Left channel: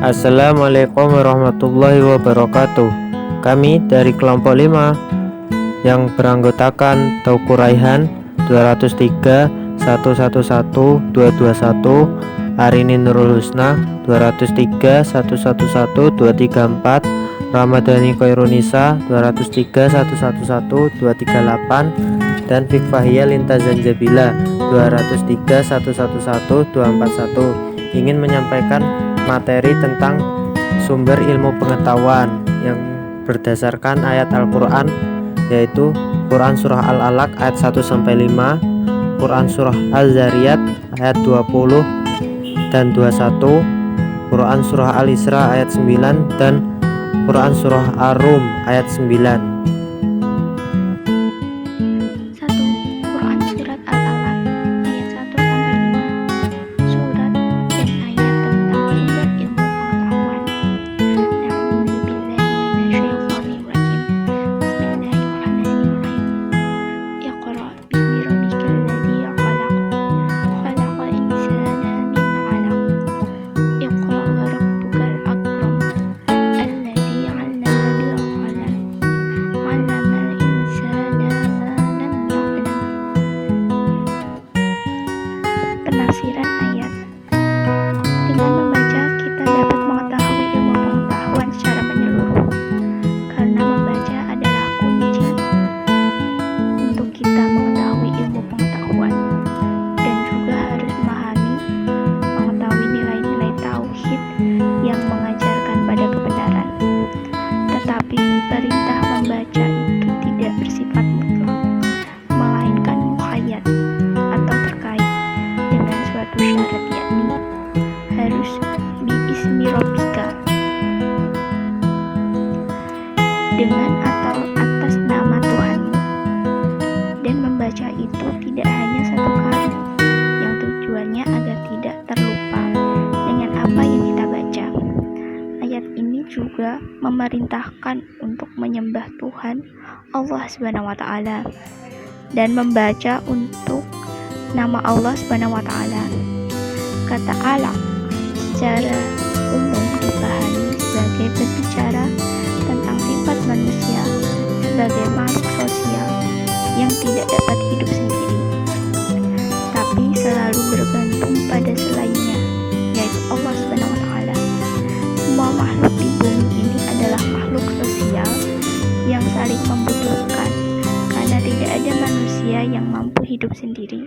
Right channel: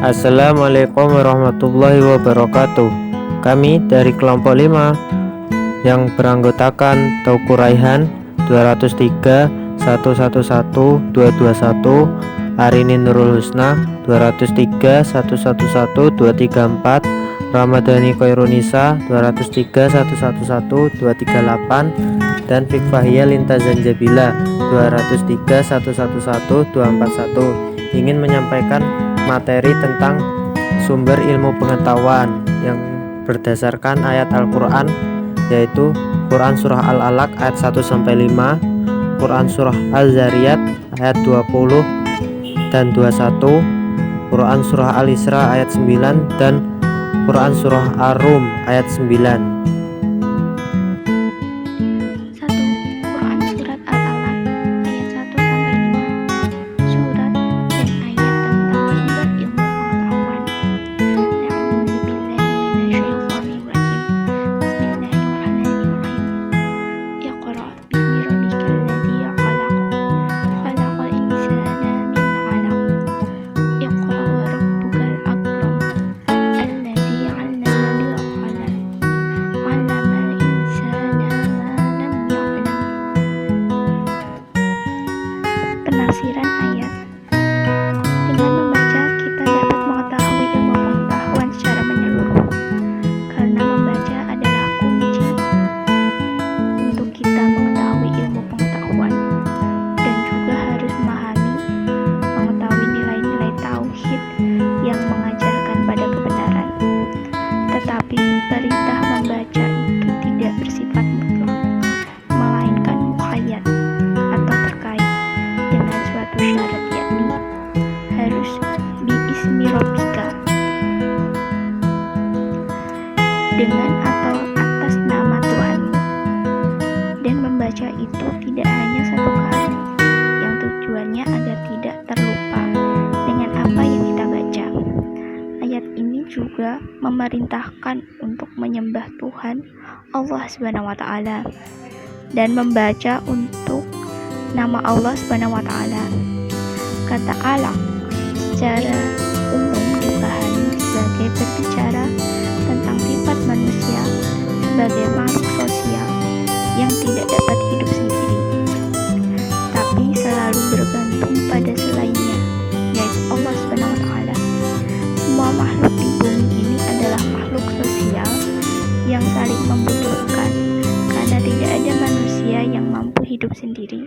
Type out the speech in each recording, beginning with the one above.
Assalamualaikum warahmatullahi wabarakatuh. Kami dari kelompok 5 yang beranggotakan Tauku Raihan 203 111 221, Arini Nurul Husna 203 111 234, Ramadhani Khairunisa 203 111 238, dan Fikfahia Linta Zanjabila 203 111 241 ingin menyampaikan materi tentang sumber ilmu pengetahuan yang berdasarkan ayat Al-Quran, yaitu Quran Surah Al-Alaq ayat 1-5, Quran Surah Al-Zariyat ayat 20 dan 21, Quran Surah Al-Isra ayat 9, dan Quran Surah Ar-Rum ayat 9. 1. Quran Surat Al-Alaq ayat 1-5. Surat dan ayat tentang sumber ilmu pengetahuan. A'udzubillahi minasyaitonirrajim. Bismillahirrahmanirrahim. Iqra bismi rabbikal ladzi khalaq. Khalaqal insana min 'alaq. Iqra wa rabbukal akram. Alladzi 'allama bil qalam. 'Allamal insana ma lam ya'lam. Penafsiran ayat. Dengan membaca, kita dapat mengetahui ilmu pengetahuan secara menyeluruh, karena membaca adalah kunci untuk kita mengetahui ilmu pengetahuan, dan juga harus mengetahui nilai-nilai tauhid yang mengajarkan pada kebenaran. Tetapi perintah membaca itu tidak bersifat mutlak, melainkan muqayyad atau terkait dengan suatu syarat, yakni harus biismi rabbika, dengan atau atas nama Tuhanmu. Dan membaca itu tidak hanya satu kali, yang tujuannya agar tidak terlupa dengan apa yang kita baca. Ayat ini juga memerintahkan untuk menyembah Tuhan Allah SWT dan membaca untuk nama Allah SWT. Kata alaq secara umum dipahami sebagai berbicara tentang sifat manusia sebagai makhluk sosial yang tidak dapat hidup sendiri, tapi selalu bergantung pada selainnya, yaitu Allah SWT. Semua makhluk di bumi ini adalah makhluk sosial yang saling membutuhkan, karena tidak ada manusia yang mampu hidup sendiri.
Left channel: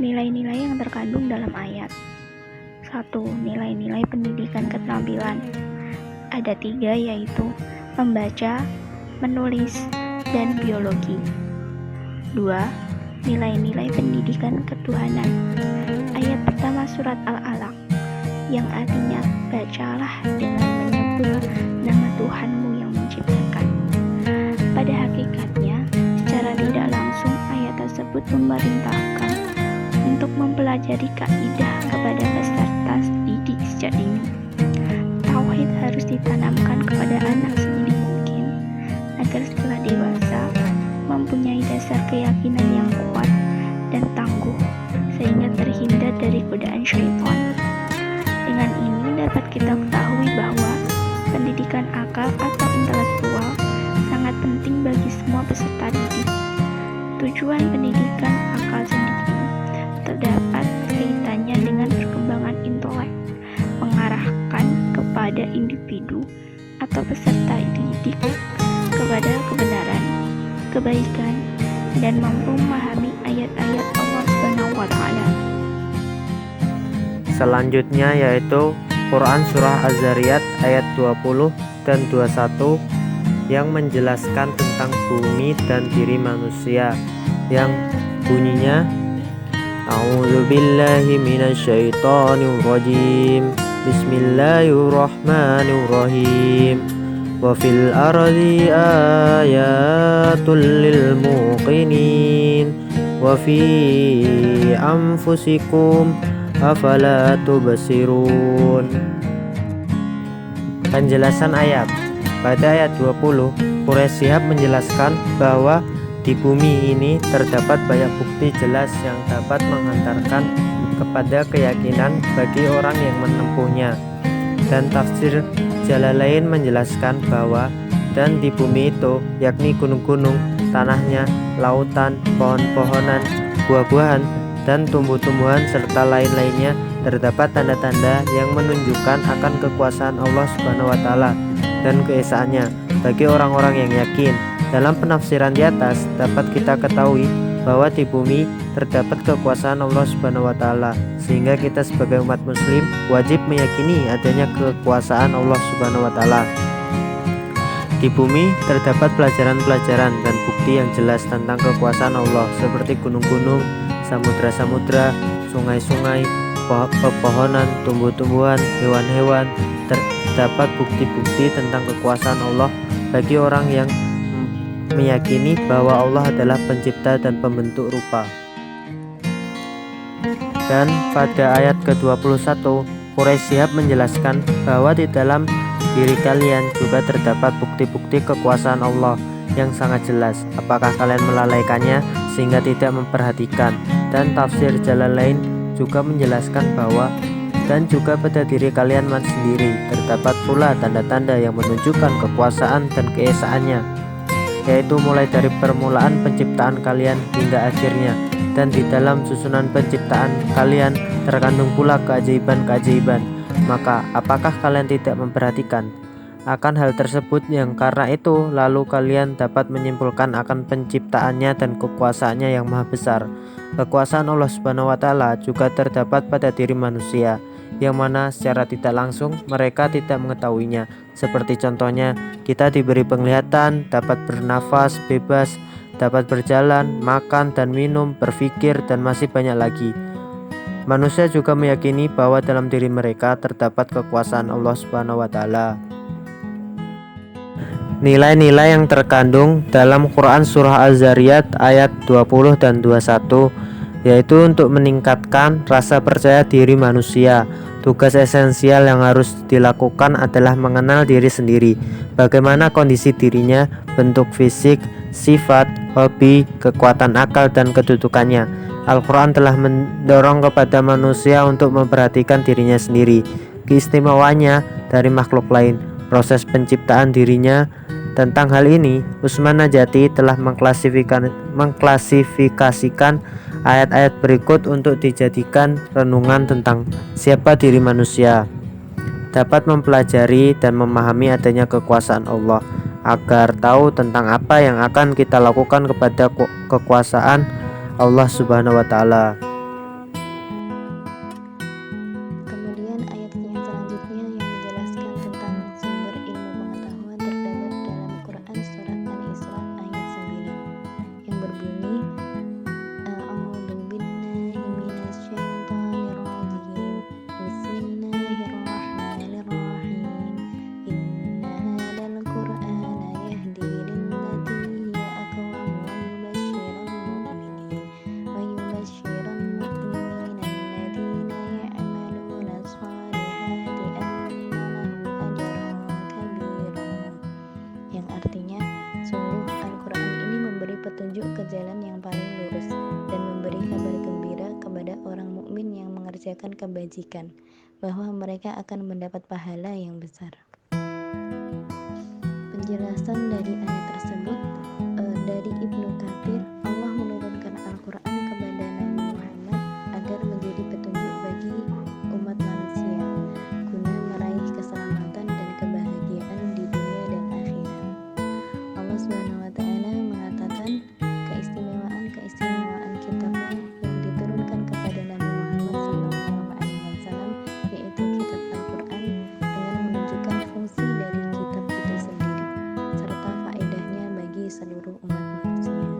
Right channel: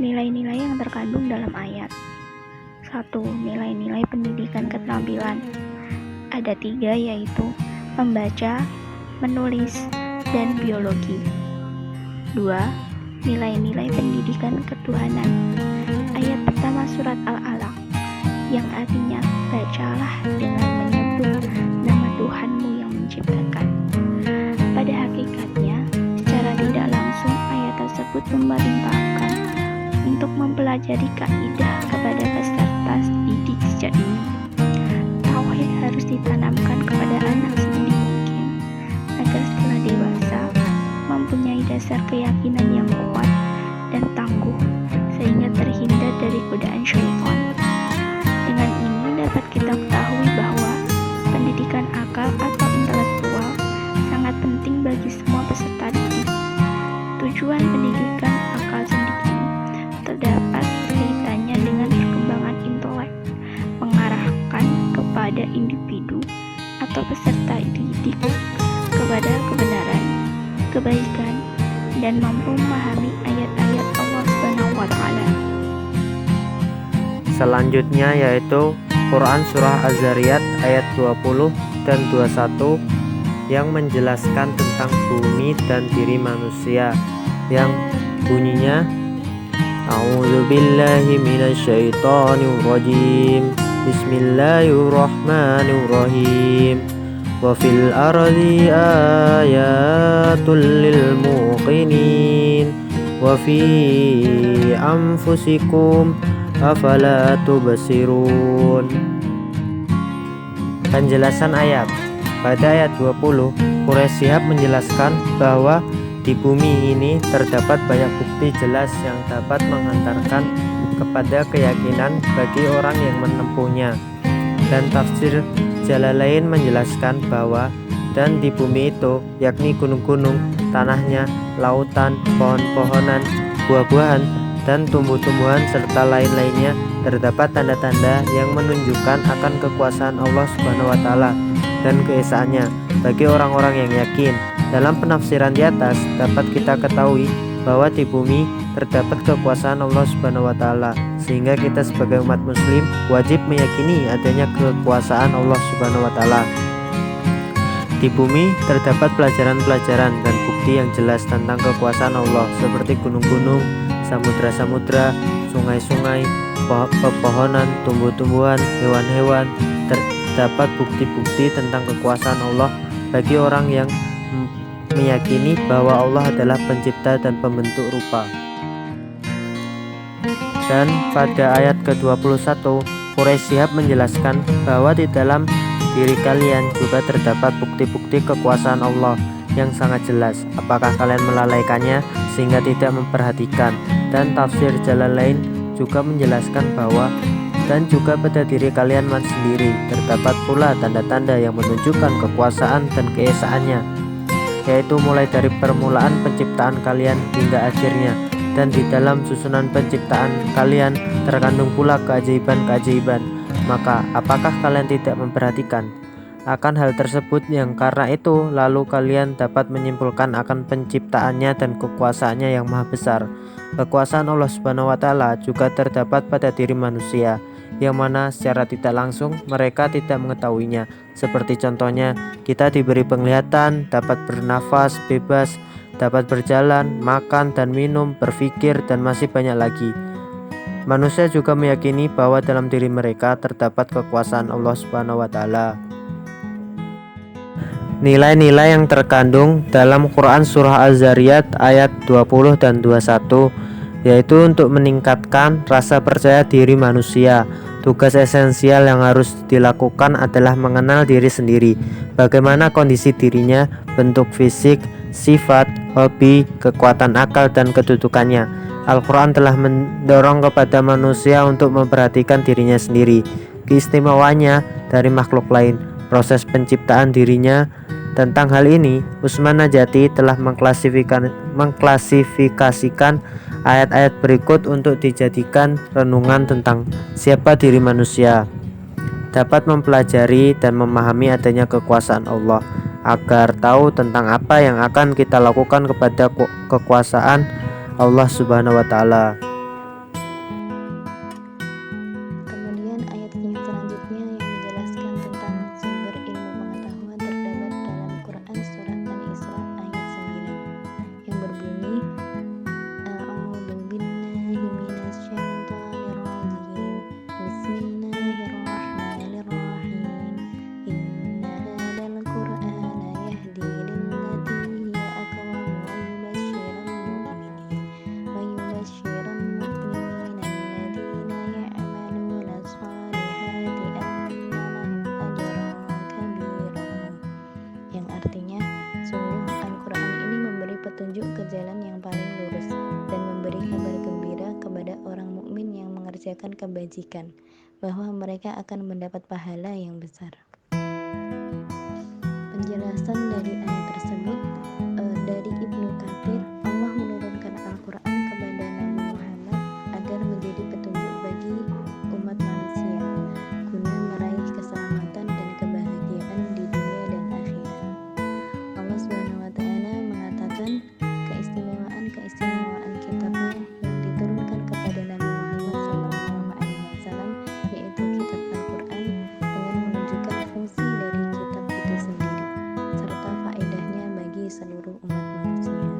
Nilai-nilai yang terkandung dalam ayat. 1. Nilai-nilai pendidikan keterampilan. Ada 3, yaitu membaca, menulis, dan biologi. 2. Nilai-nilai pendidikan ketuhanan. Ayat pertama surat Al-Alaq, yang artinya bacalah dengan menyebut nama Tuhanmu yang menciptakan. Pada hakikatnya, secara tidak langsung ayat tersebut memerintahkan untuk mempelajari kaidah kepada peserta didik sejak dini. Tauhid harus ditanamkan kepada anak sedini mungkin, agar setelah dewasa mempunyai dasar keyakinan yang kuat dan tangguh, sehingga terhindar dari godaan syaitan. Dengan ini dapat kita ketahui bahwa pendidikan akal atau intelektual sangat penting bagi semua peserta didik. Tujuan pendidikan akal sendiri terdapat kaitannya dengan perkembangan intelek, mengarahkan kepada individu atau peserta didik kepada kebenaran, kebaikan, dan mampu memahami ayat-ayat Allah SWT. Selanjutnya yaitu Quran Surah Az-Zariyat ayat 20 dan 21 yang menjelaskan tentang bumi dan diri manusia, yang bunyinya A'udzubillahi minasyaitonirrajim. Bismillahirrahmanirrahim. Wa fil ardi ayatul lil muqinin wa fi anfusikum afala tubsirun. Penjelasan ayat. Pada ayat 20, Quraisy Shihab menjelaskan bahwa di bumi ini terdapat banyak bukti jelas yang dapat menghantarkan kepada keyakinan bagi orang yang menempuhnya. Dan tafsir Jalalain menjelaskan bahwa dan di bumi itu, yakni gunung-gunung, tanahnya, lautan, pohon-pohonan, buah-buahan, dan tumbuh-tumbuhan serta lain-lainnya terdapat tanda-tanda yang menunjukkan akan kekuasaan Allah Subhanahu wa taala dan keesaannya bagi orang-orang yang yakin. Dalam penafsiran di atas dapat kita ketahui bahwa di bumi terdapat kekuasaan Allah Subhanahu wa taala, sehingga kita sebagai umat muslim wajib meyakini adanya kekuasaan Allah Subhanahu wa taala. Di bumi terdapat pelajaran-pelajaran dan bukti yang jelas tentang kekuasaan Allah seperti gunung-gunung, samudra-samudra, sungai-sungai, pepohonan, tumbuh-tumbuhan, hewan-hewan. Terdapat bukti-bukti tentang kekuasaan Allah bagi orang yang meyakini bahwa Allah adalah pencipta dan pembentuk rupa. Dan pada ayat ke-21, Quraisy Shihab menjelaskan bahwa di dalam diri kalian juga terdapat bukti-bukti kekuasaan Allah yang sangat jelas. Apakah kalian melalaikannya sehingga tidak memperhatikan? Dan tafsir Jalalain juga menjelaskan bahwa dan juga pada diri kalian sendiri terdapat pula tanda-tanda yang menunjukkan kekuasaan dan keesaannya, yaitu mulai dari permulaan penciptaan kalian hingga akhirnya. Dan di dalam susunan penciptaan kalian terkandung pula keajaiban-keajaiban. Maka apakah kalian tidak memperhatikan akan hal tersebut, yang karena itu lalu kalian dapat menyimpulkan akan penciptaannya dan kekuasaannya yang maha besar. Kekuasaan Allah Subhanahu wa taala juga terdapat pada diri manusia, yang mana secara tidak langsung mereka tidak mengetahuinya. Seperti contohnya, kita diberi penglihatan, dapat bernafas bebas, dapat berjalan, makan dan minum, berpikir, dan masih banyak lagi. Manusia juga meyakini bahwa dalam diri mereka terdapat kekuasaan Allah Subhanahu wa taala. Nilai-nilai yang terkandung dalam Quran Surah Az-Zariyat ayat 20 dan 21, yaitu untuk meningkatkan rasa percaya diri manusia. Tugas esensial yang harus dilakukan adalah mengenal diri sendiri, bagaimana kondisi dirinya, bentuk fisik, sifat, hobi, kekuatan akal, dan kedudukannya. Al-Quran telah mendorong kepada manusia untuk memperhatikan dirinya sendiri, keistimewaannya dari makhluk lain, proses penciptaan dirinya. Tentang hal ini, Usman Najati telah mengklasifikasikan ayat-ayat berikut untuk dijadikan renungan tentang siapa diri manusia, dapat mempelajari dan memahami adanya kekuasaan Allah, agar tahu tentang apa yang akan kita lakukan kepada kekuasaan Allah Subhanahu wa taala. Kemudian ayat yang selanjutnya yang menjelaskan tentang sumber ilmu pengetahuan terdapat dalam Quran Surat Al-Isra ayat 9 yang berbunyi, A'udzu billahi minasyaitonir rajim. Bismillahirrahmanirrahim. Inna hadzal Qur'ana yahdi lillati hiya aqwam wa yubashshirul mu'minin alladzina ya'maluna shalihati anna lahum ajran kabira. Yang artinya, sungguh Al-Quran ini memberi petunjuk ke jalan yang paling lurus dan memberi kabar gembira kepada orang mukmin yang mengerjakan kebajikan, bahwa mereka akan mendapat pahala yang besar. Penjelasan dari ayat tersebut dari Ibnu Katsir, Allah menurunkan Al-Quran kepada Nabi Muhammad agar menjadi petunjuk bagi umat manusia, guna meraih keselamatan dan kebahagiaan di dunia dan akhirat. Allah Subhanahu wa taala mengatakan keistimewaan kitabnya yang diturunkan kepada Nabi Muhammad SAW, yaitu kitab Al-Quran, dengan menunjukkan fungsi dari kitab itu sendiri serta faedahnya bagi seluruh umat manusia.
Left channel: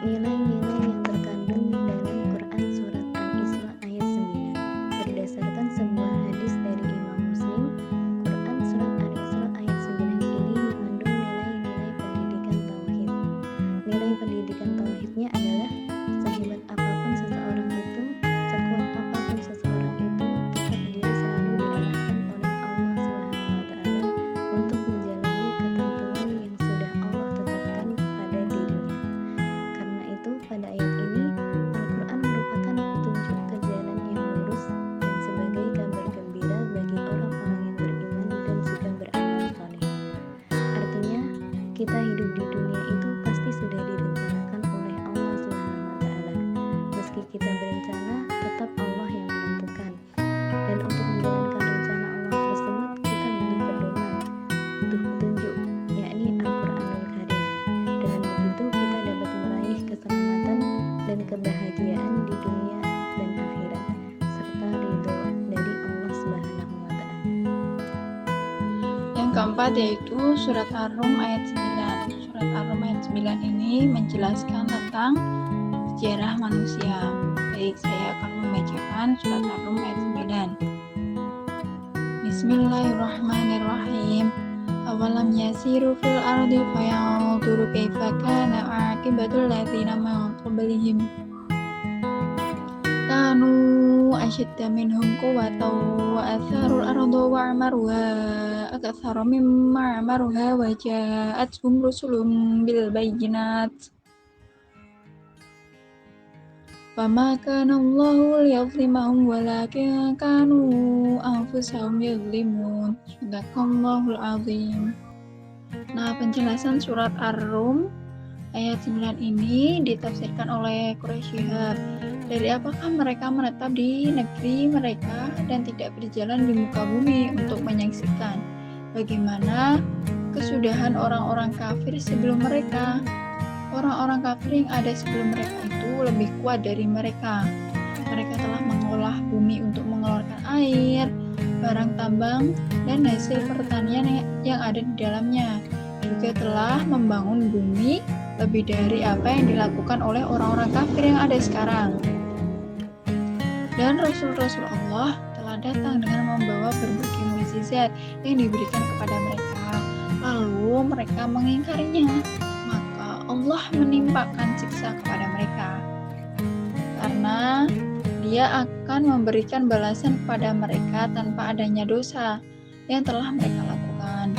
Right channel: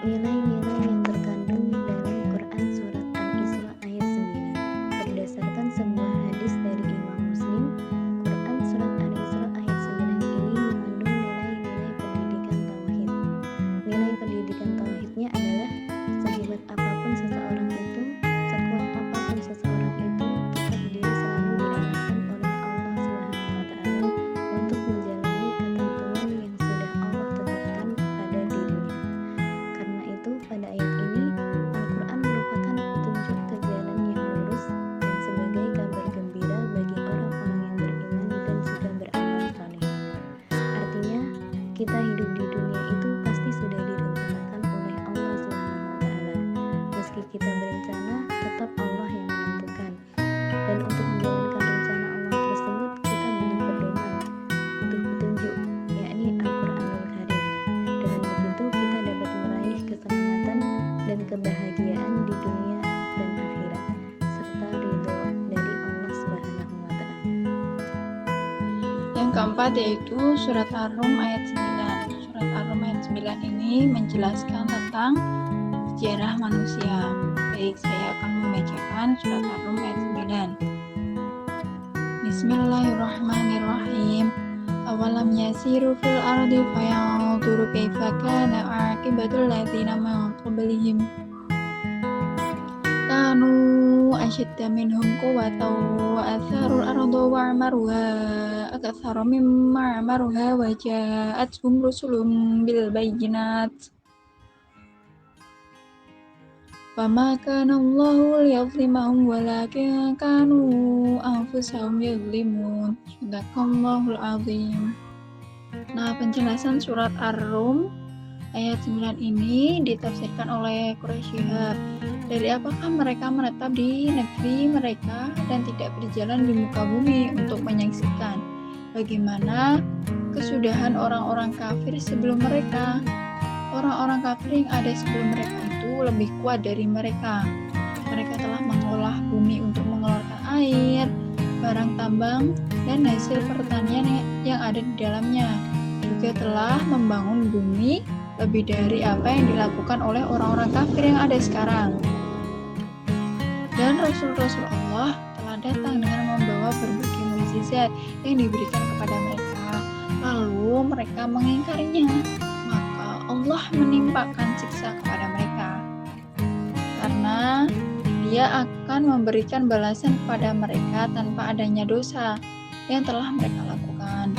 Nilai-nilai yang terkandung dalam Quran Surat Al-Isra ayat 9. Berdasarkan sebuah hadis dari Imam Muslim, Quran Surat Al-Isra ayat 9 ini mengandung nilai-nilai pendidikan tauhid. Nilai pendidikan tauhidnya adalah sehebat apapun seseorang itu, sekuat apapun seseorang itu, tetap dia selalu diarahkan oleh Allah Subhanahu wa taala untuk menjalani ketentuan yang sudah Allah tetapkan pada dirinya. Karena itu pada ayat ini Al-Quran merupakan petunjuk ke jalan yang lurus dan sebagai kabar gembira bagi orang-orang yang beriman dan juga beramal saleh. Artinya, kita hidup di dunia itu pasti sudah direncanakan oleh Allah SWT. Meski kita berencana, tetap Allah yang menentukan. Dan untuk menjalankan rencana Allah tersebut, kita butuh pedoman, butuh petunjuk, yakni Al-Quranul Karim. Dengan begitu, kita dapat meraih keselamatan dan kebahagiaan di dunia dan akhirat, serta ridho dari Allah Subhanahu wa Ta'ala. Yang keempat yaitu surat Ar-Rum ayat 9. Surat Ar-Rum ayat 9 ini menjelaskan tentang sejarah manusia. Baik, saya akan membacakan surat Ar-Rum ayat 9. Bismillahirrahmanirrahim. Awalam yasiru fil ardi fayanzuru kaifa kana aqibatul ladzina min qablihim. Kanu asyadda minhum quwwatan wa atharul arda wa amaruha aktsara mimma amaruha wa ja'atuhum rusulun bil bayyinat. Fama kana Allahu liyadhlimahum walakin kanu anfusahum yadhlimun. Sadaqallahul azim. Nah, penjelasan surat Ar-Rum ayat 9 ini ditafsirkan oleh Quraisy Shihab. Dari apakah mereka menetap di negeri mereka dan tidak berjalan di muka bumi untuk menyaksikan bagaimana kesudahan orang-orang kafir sebelum mereka. Orang-orang kafir yang ada sebelum mereka itu lebih kuat dari mereka. Mereka telah mengolah bumi untuk mengeluarkan air, barang tambang, dan hasil pertanian yang ada di dalamnya. Juga telah membangun bumi lebih dari apa yang dilakukan oleh orang-orang kafir yang ada sekarang. Dan Rasul-Rasul Allah telah datang dengan membawa berbagai mukjizat yang diberikan kepada mereka. Lalu mereka mengingkarinya, maka Allah menimpakan siksa kepada mereka. Karena Dia akan memberikan balasan kepada mereka tanpa adanya dosa yang telah mereka lakukan.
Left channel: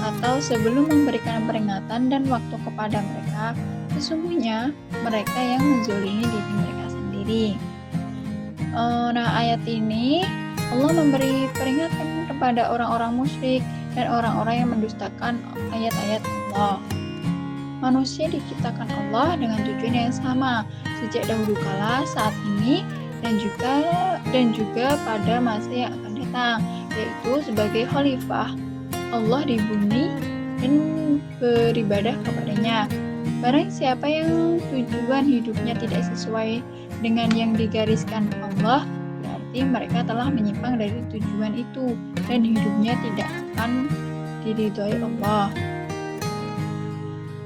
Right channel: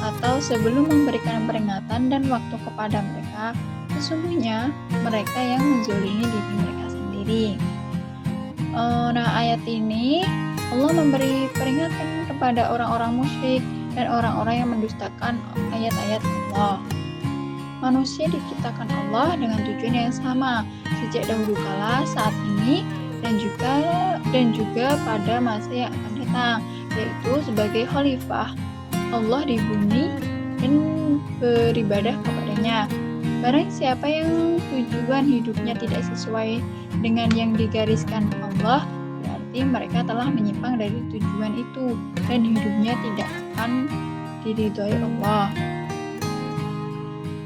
Atau sebelum memberikan peringatan dan waktu kepada mereka, sesungguhnya mereka yang menzalimi diri mereka sendiri. Nah, ayat ini Allah memberi peringatan kepada orang-orang musyrik dan orang-orang yang mendustakan ayat-ayat Allah. Manusia diciptakan Allah dengan tujuan yang sama sejak dahulu kala, saat ini, dan juga pada masa yang akan datang, yaitu sebagai khalifah Allah di bumi dan beribadah kepadanya. Barang siapa yang tujuan hidupnya tidak sesuai dengan yang digariskan Allah, berarti mereka telah menyimpang dari tujuan itu dan hidupnya tidak akan diridhoi Allah.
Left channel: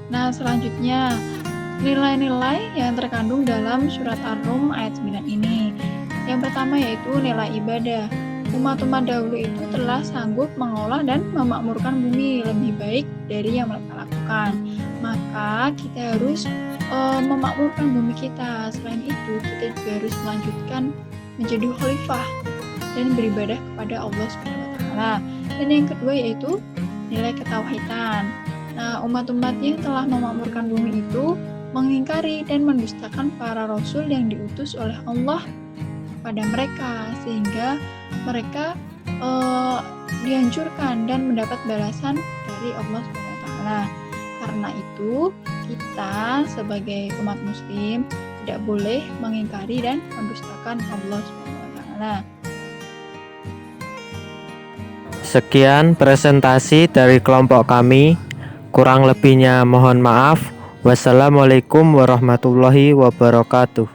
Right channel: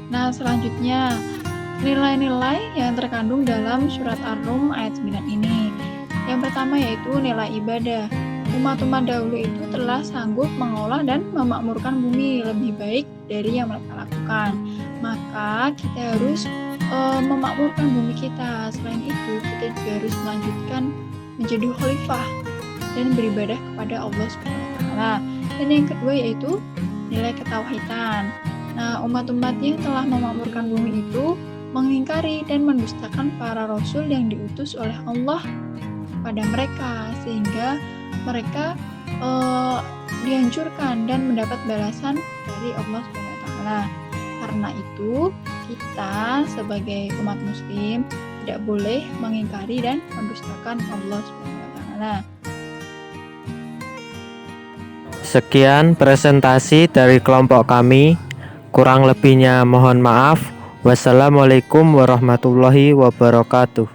Nah, selanjutnya nilai-nilai yang terkandung dalam surat Ar-Rum ayat 9 ini. Yang pertama yaitu nilai ibadah. Umat-umat dahulu itu telah sanggup mengolah dan memakmurkan bumi lebih baik dari yang mereka lakukan. Maka kita harus memakmurkan bumi kita. Selain itu, kita juga harus melanjutkan menjadi khalifah dan beribadah kepada Allah SWT. Dan yang kedua yaitu nilai ketauhidan. Nah, umat-umat yang telah memakmurkan bumi itu mengingkari dan mendustakan para rasul yang diutus oleh Allah pada mereka, sehingga mereka dihancurkan dan mendapat balasan dari Allah SWT. Karena itu, kita sebagai umat muslim tidak boleh mengingkari dan mendustakan Allah SWT. Sekian presentasi dari kelompok kami. Kurang lebihnya mohon maaf. Wassalamualaikum warahmatullahi wabarakatuh.